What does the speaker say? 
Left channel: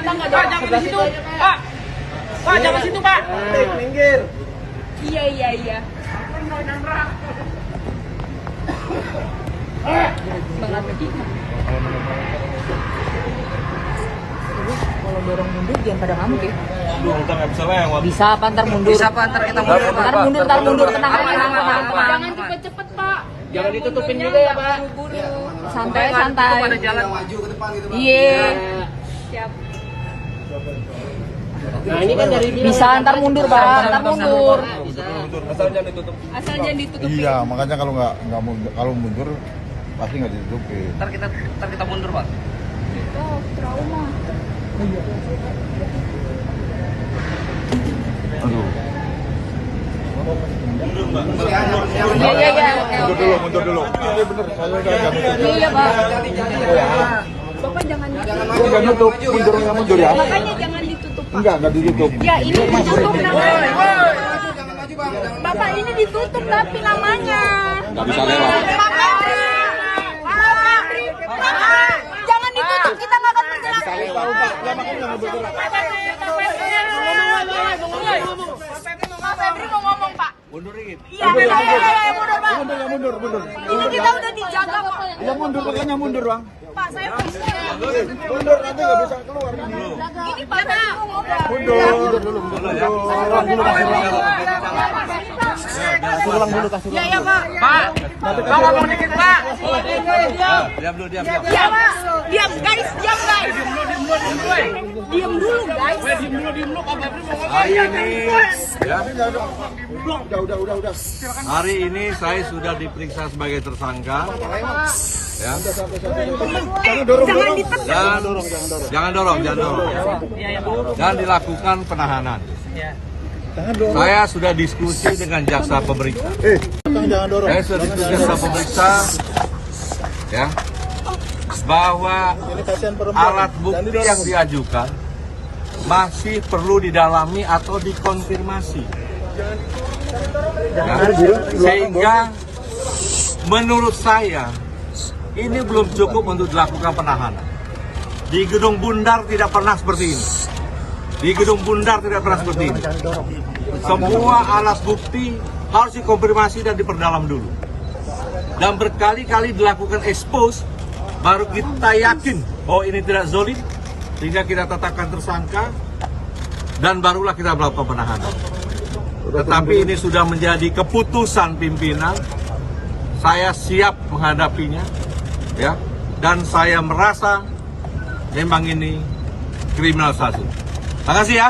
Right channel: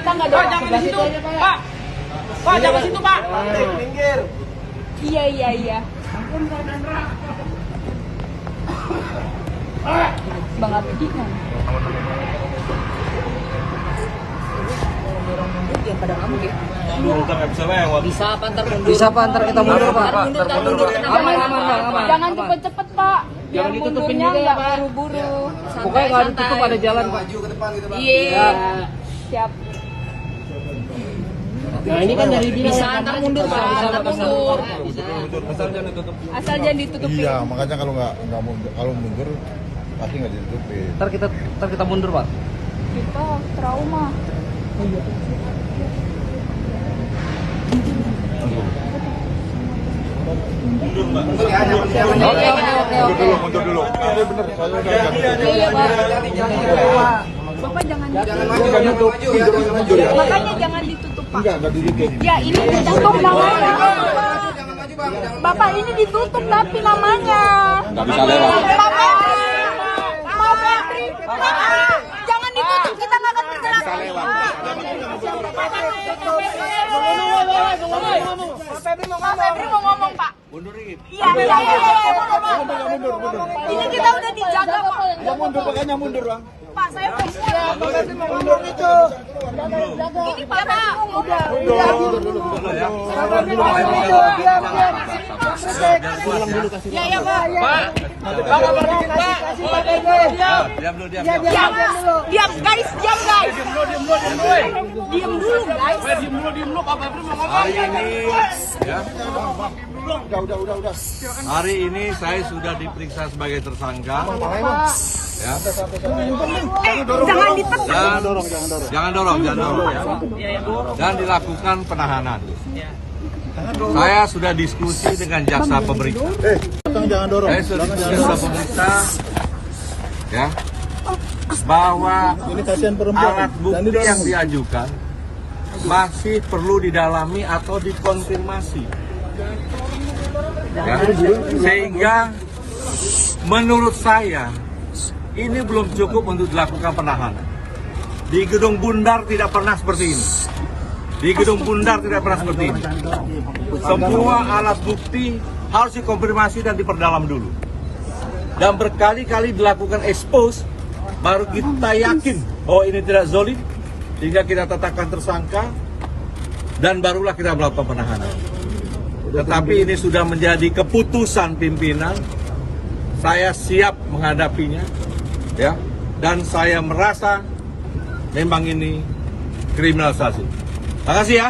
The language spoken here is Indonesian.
tetangga dong. Pak, jangan di situ, Pak. Pak, jangan situ, Pak. Minggir. Iya. Bang Abdi kan? Kalau dorong mundur jangan pada ngamuk ya. Aduh, kita nggak bisa lewat. Bisa apa ntar mundur? Bisa apa ntar kita mundur, Pak? Ntar mundur tenang Aman, aja. aman. Jangan cepet-cepet Pak. Jangan ditutupin Mundurnya juga ya, nggak Pak. Buru-buru. Pokoknya nggak ditutup pada jalan. Maju ke depan gitu, Bang. Iya. Siap. Nah, ini kan dari Bisa ntar mundur Pak. Ntar mundur. Asal jangan ditutup. Asal jangan ditutupin. Iya, makanya kalau mundur, kalau mundur pasti nggak ditutupin. Ntar kita mundur, Pak. Kita trauma. Aduh. Mundur, Mbak. Iya. Mundur dulu. Ini bener, saya udah nggak nutup. Iya Pak. Bapak jangan ditutup. Saya nggak nutup, mundur ya. Makanya jangan ditutup Pak. Nggak ditutup. Ya ini ditutup namanya. Jangan maju, Bang. Bapak ini ditutup tapi namanya. Nggak bisa lewat. Pak Febri. Pak Febri. Jangan ditutup, kita nggak akan bergerak. Pak Febri mau ngomong Pak. Mundur dikit. Iya, mundur Pak. Ini kita udah dijaga Pak. Ya mundur, makanya mundur, Bang. Pak saya mau Mundur, nanti nggak bisa keluar. ini Pak Febri mau ngomong. Mundur dulu. Ya. Ya Pak. Pak, Pak ngomong dikit, Pak. Diam dulu. Diam guys. Diam dulu guys. Diem dulu, Pak Febri mau ngomong. Hari ini, ya. Udah. Hari ini saya sudah diperiksa sebagai tersangka. Ya. Jangan ditekan. Jangan dorong. Dan dilakukan penahanan. Saya sudah diskusi dengan jaksa pemeriksa. Jangan dorong. Saya sudah diskusi dengan jaksa pemeriksa, ya, bahwa alat bukti yang diajukan masih perlu didalami atau dikonfirmasi. Ya. Sehingga menurut saya ini belum cukup untuk dilakukan penahanan. Di Gedung Bundar tidak pernah seperti ini. Semua alat bukti harus dikonfirmasi dan diperdalam dulu. Dan berkali-kali dilakukan expose, baru kita yakin bahwa ini tidak zolim, sehingga kita tetapkan tersangka, dan barulah kita melakukan penahanan. Tetapi ini sudah menjadi keputusan pimpinan, saya siap menghadapinya, ya, dan saya merasa memang ini kriminalisasi. Terima kasih ya.